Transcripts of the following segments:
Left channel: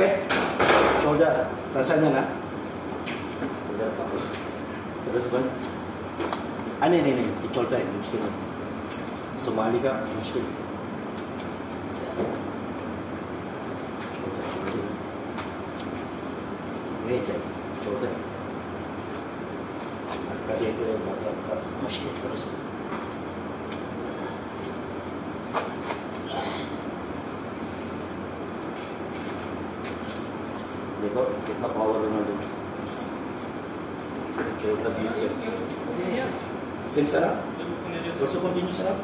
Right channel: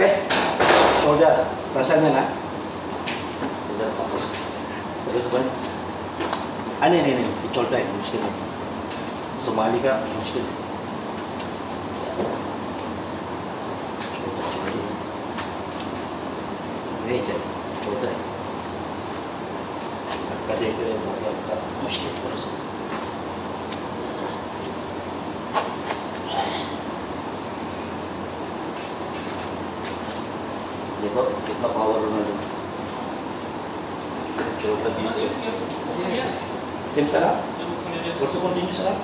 Okay? Shoulder. Nasaan yan, ha? Shoulder pa. Terus ba? Ano yun? I-shoulder tayo. Muskil. Sumali ka. Muskil. नहीं चाहिए छोटा है कदे करे बहुत मुश्किल देखो कितना पावर रोनाल्डो छोटा भी सेम सरा also continue सरा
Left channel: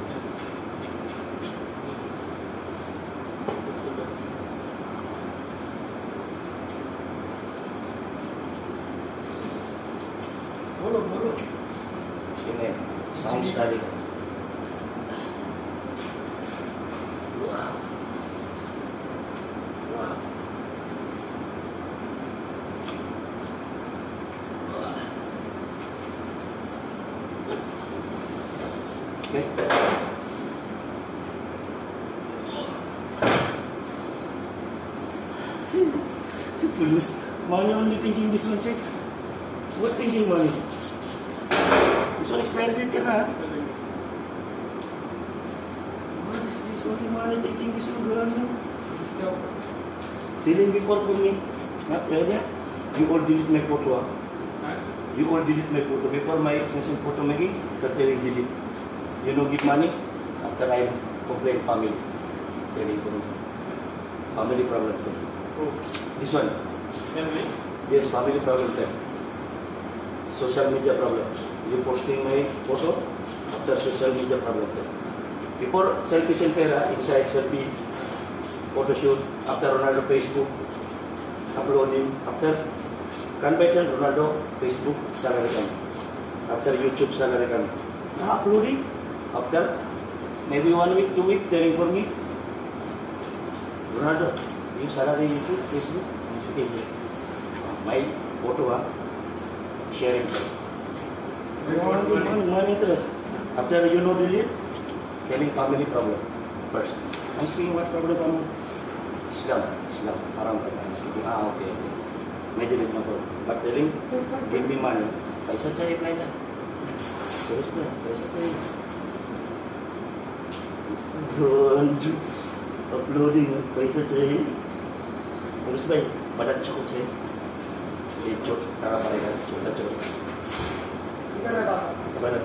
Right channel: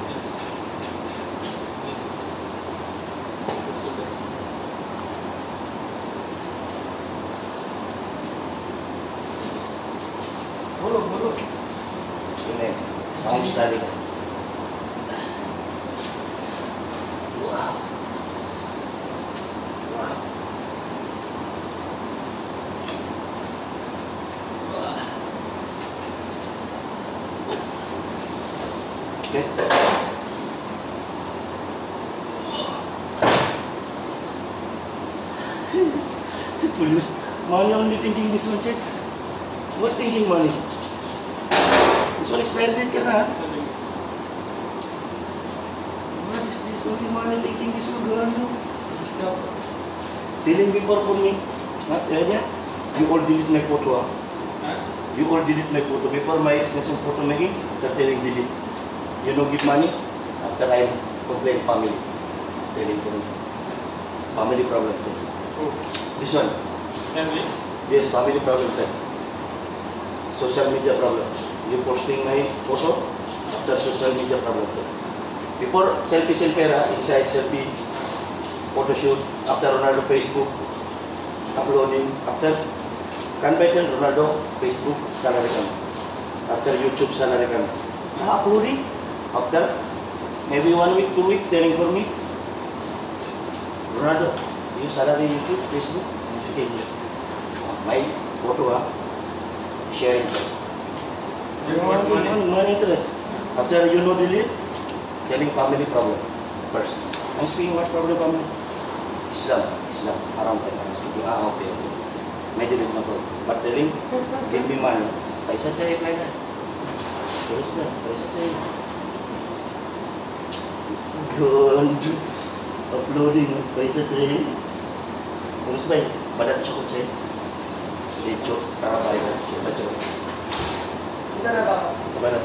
sounds dari wow okay police money only thinking this one check what thinking money. This one expanded ka na. What is this? Only money taking this one Ronaldo. Stop. Telling before for me. Not yeah. You all delete my photo. You all delete my photo. Before my extension photo making, after telling delete. You know give money. After I complain family. Telling for me. Family problem. This one. Family? Yes, family problem. Social media problem. You posting my photo after social media problem. Before selfie inside selfie photo shoot after Ronaldo Facebook uploading after convention Ronaldo Facebook salary kami after YouTube salary kami uploading after maybe 1 week 2 week telling for me Ronaldo you salary YouTube Facebook my photo sharing. No interest. After you know delete, telling family problem first. I'm speaking what problem family? Islam, haram ka. I'm speaking, okay. May delete na problem. But telling, give me money. Paisa chahiye kaina. Terus ba? Paisa chahiye. Good. Uploading, paisa chahiye. Terus ba? Badat choko chahiye. Lecho, tarabay ka. Lecho. Kemana?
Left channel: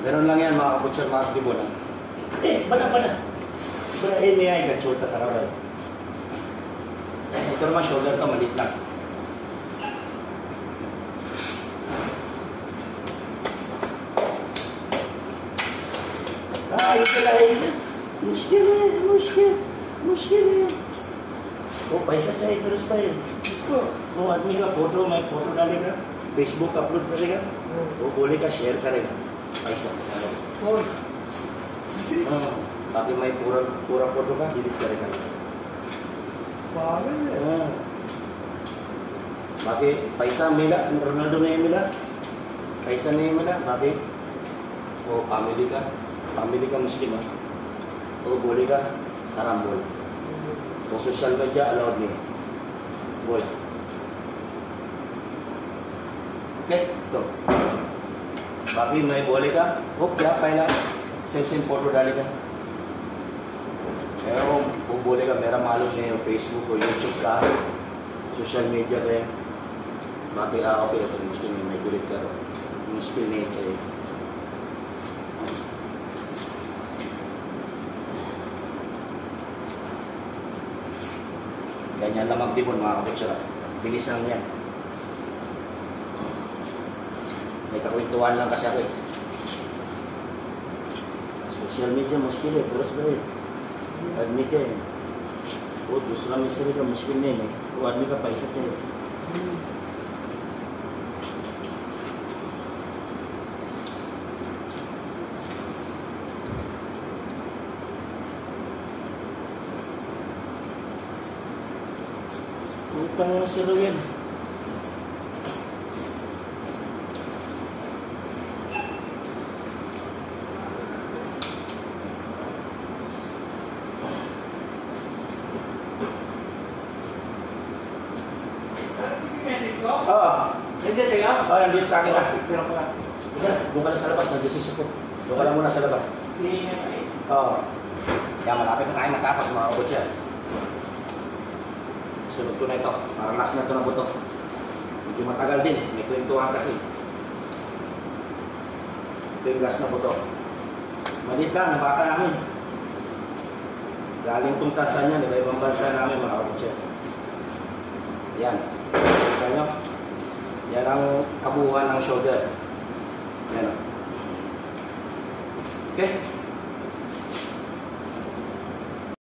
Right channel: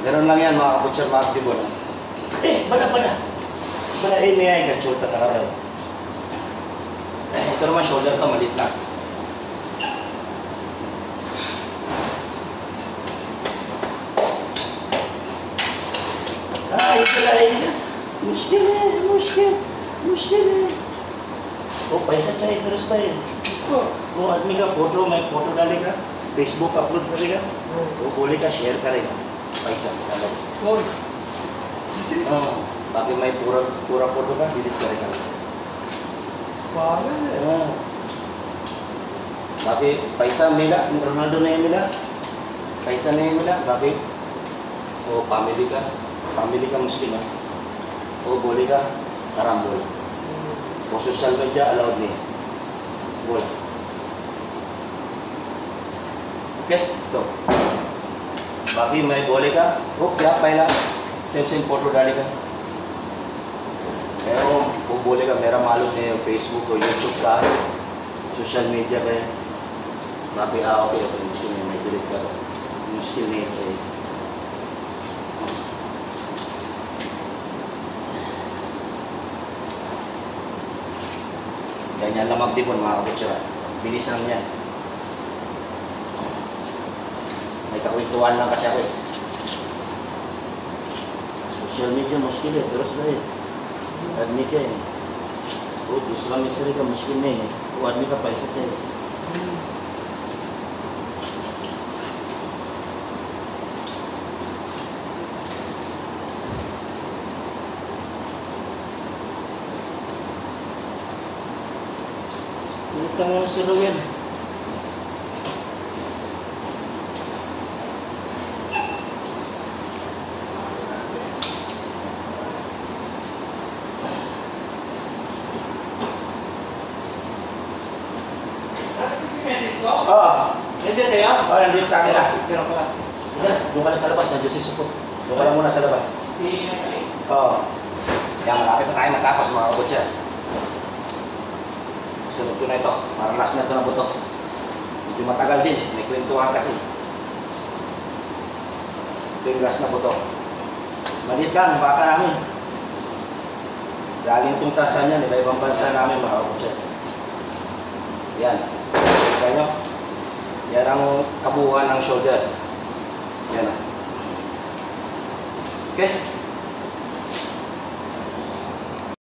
Ganun lang yan mga kaputsar, mga aktibo na. Bala. Bala ini ay kachulta karabay. Ito naman shoulder to, malit lang. Ito na yun. Muskil. वो पैसा चाहिए फिर उसका इसको वो आदमी का photo मैं फोटो डालेगा फेसबुक अपलोड करेगा वो बोलेगा शेयर करेगा पैसा हाँ बाकी मैं पूरा फोटो का डिलीट करेगा बाकी पैसा मिला रोनाल्डो नहीं मिला पैसा नहीं मिला बाकी वो फैमिली का मुश्किल है वो बोलेगा haram boleh. वो सोशल मीडिया अलाउड नहीं बोला ओके तो बाकी मैं बोलेगा वो क्या पहला सेम फोटो डालेगा वो बोलेगा मेरा मालूम है फेसबुक और यूट्यूब का सोशल मीडिया का बाकी ओके मुश्किल नहीं मैं डिलीट करो मुश्किल नहीं चाहिए ganyan lang magtipon mga kaputsara. Bilis lang yan. May kakwentuhan lang kasi ako eh. Social media muskil eh. Terus dahil. Admi ka eh. O, दूसरा मिसरी का मुश्किल नहीं है. वो आदमी का पैसा चाहिए. Utang mo sa lawin. Nandiyan sa'yo? Oo, nandito sa akin na. Ganun pala. Doon ka na sa labas, nandiyan si Suko. Doon ka na muna sa labas. Si Natali? Oo. Kaya malapit na tayo matapos mga kabutya. Sunod ko na ito. Parang last na ito na buto. Medyo matagal din eh. May kwentuhan kasi. Ito yung last na buto. Maliit lang, baka namin. Galing itong tasan yan, iba-ibang bansa namin mga kabutya. Yan. Kaya nyo? Yan ang kabuuan ng shoulder. Yan o. Okay?